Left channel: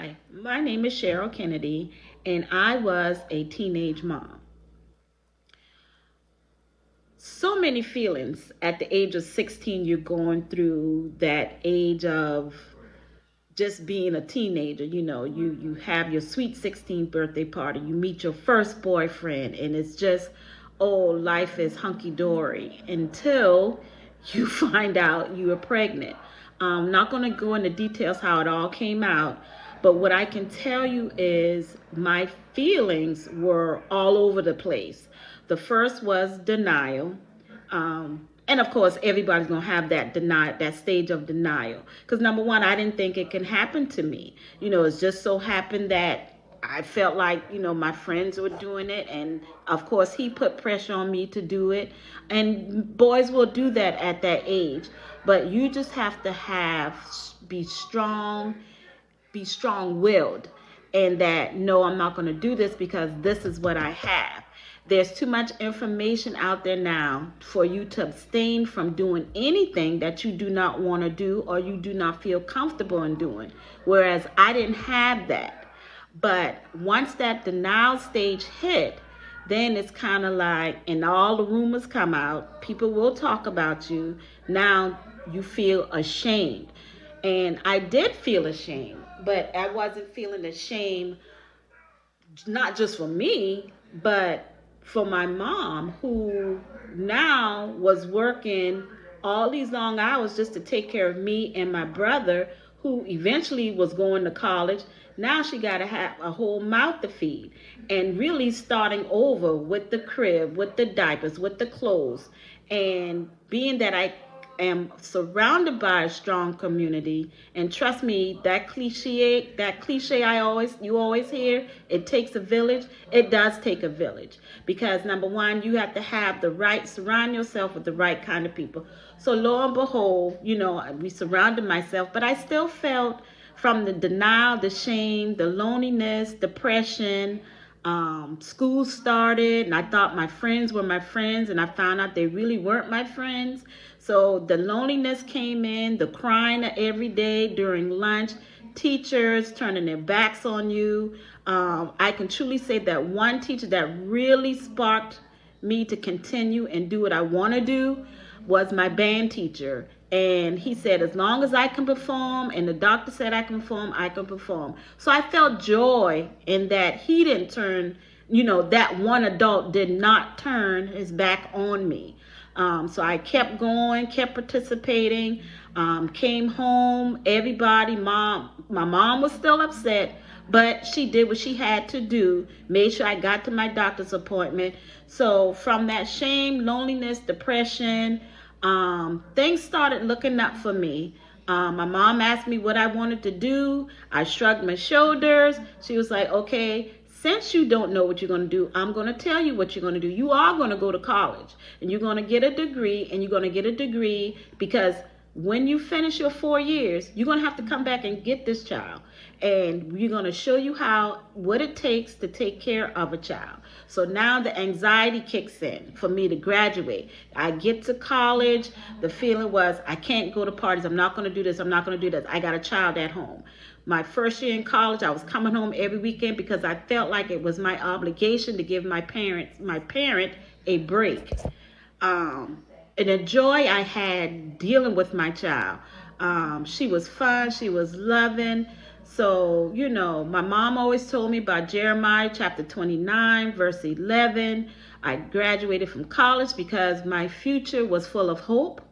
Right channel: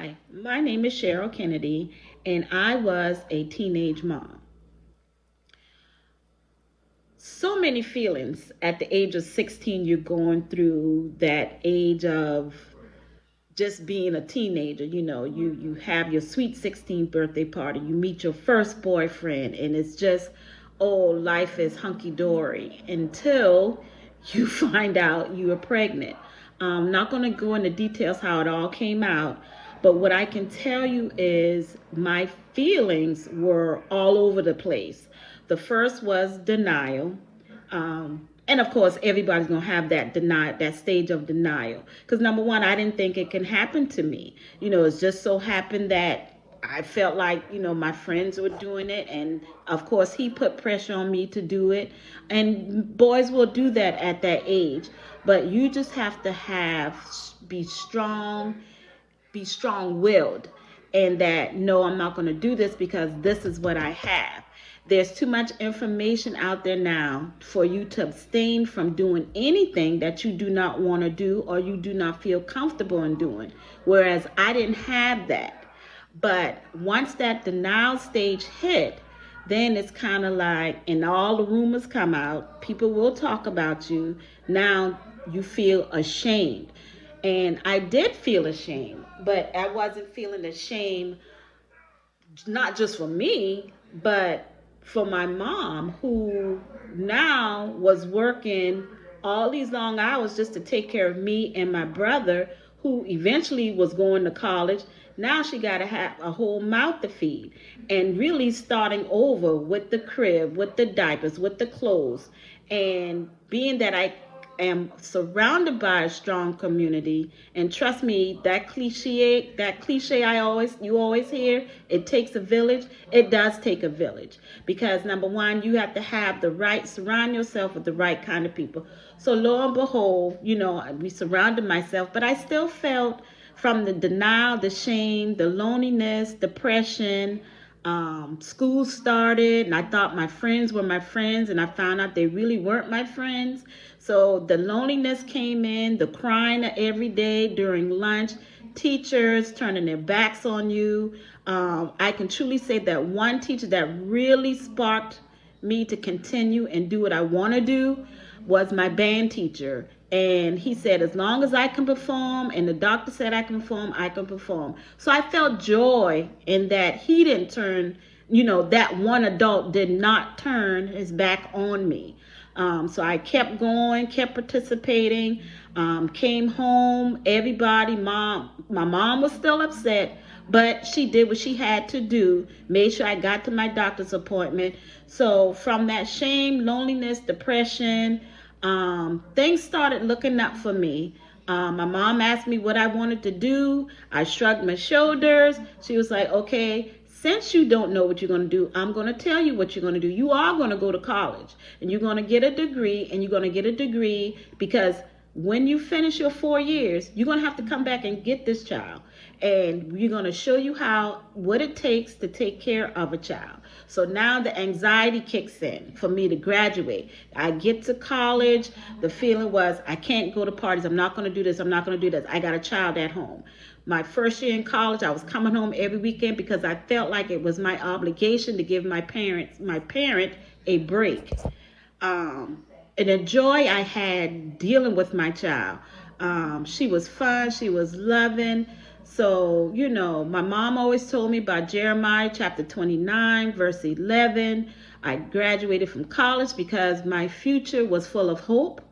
Hi, my name is Cheryl Kennedy, and I was a teenage mom. So many feelings at the age of 16. You're going through that age of just being a teenager. You have your sweet 16th birthday party, you meet your first boyfriend, and it's just, oh, life is hunky-dory until you find out you are pregnant. I'm not going to go into details how it all came out, but what I can tell you is my feelings were all over the place. The first was denial. And of course, everybody's gonna have that stage of denial. Because number one, I didn't think it can happen to me. It's just so happened that I felt like, my friends were doing it. And of course, he put pressure on me to do it. And boys will do that at that age. But you just have to be strong-willed, and that, no, I'm not going to do this because this is what I have. There's too much information out there now for you to abstain from doing anything that you do not want to do or you do not feel comfortable in doing. Whereas I didn't have that. But once that denial stage hit, then it's kind of like, and all the rumors come out, people will talk about you. Now you feel ashamed. And I did feel ashamed, but I wasn't feeling ashamed, not just for me, but for my mom, who now was working all these long hours just to take care of me and my brother, who eventually was going to college. Now she got to have a whole mouth to feed, and really starting over with the crib, with the diapers, with the clothes. And being that I am surrounded by a strong community, and trust me, that cliche you always hear, it takes a village. It does take a village, because number one, you have to surround yourself with the right kind of people. So lo and behold, we surrounded myself, but I still felt, from the denial, the shame, the loneliness, depression. School started, and I thought my friends were my friends, and I found out they really weren't my friends. So the loneliness came in, the crying every day during lunch, teachers turning their backs on you. I can truly say that one teacher that really sparked me to continue and do what I want to do was my band teacher. And he said, as long as I can perform, and the doctor said I can perform, I can perform. So I felt joy in that he didn't turn, that one adult did not turn his back on me. So I kept going, kept participating, came home, my mom was still upset, but she did what she had to do, made sure I got to my doctor's appointment. So from that shame, loneliness, depression, things started looking up for me. My mom asked me what I wanted to do. I shrugged my shoulders. She was like, okay, since you don't know what you're going to do, I'm going to tell you what you're going to do. You are going to go to college, and you're going to get a degree, and you're going to get a degree because when you finish your 4 years, you're going to have to come back and get this child. And we're going to show you what it takes to take care of a child. So now the anxiety kicks in for me to graduate. I get to college. The feeling was, I can't go to parties. I'm not going to do this. I'm not going to do this. I got a child at home. My first year in college, I was coming home every weekend because I felt like it was my obligation to give my parent a break. And the joy I had dealing with my child. She was fun. She was loving. So, my mom always told me about Jeremiah chapter 29, verse 11. I graduated from college because my future was full of hope.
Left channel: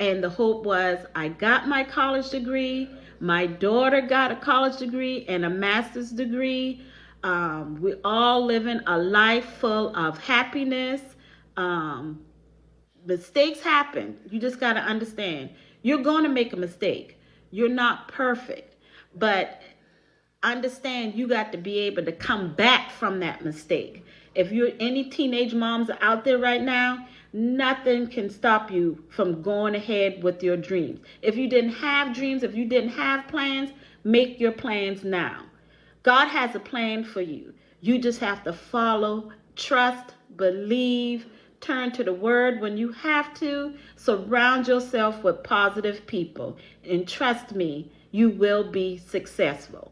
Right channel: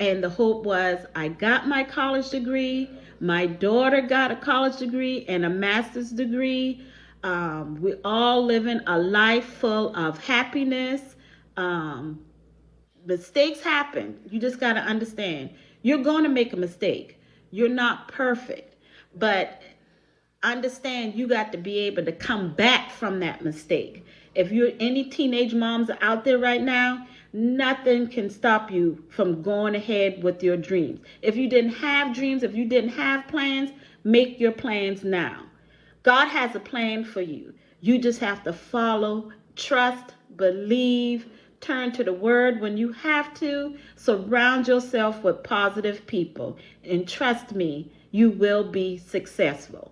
And the hope was, I got my college degree. My daughter got a college degree and a master's degree. We all living a life full of happiness. Mistakes happen. You just got to understand. You're going to make a mistake. You're not perfect. But understand, you got to be able to come back from that mistake. If any teenage moms are out there right now, nothing can stop you from going ahead with your dreams. If you didn't have dreams, if you didn't have plans, make your plans now. God has a plan for you. You just have to follow, trust, believe, turn to the word when you have to. Surround yourself with positive people. And trust me, you will be successful.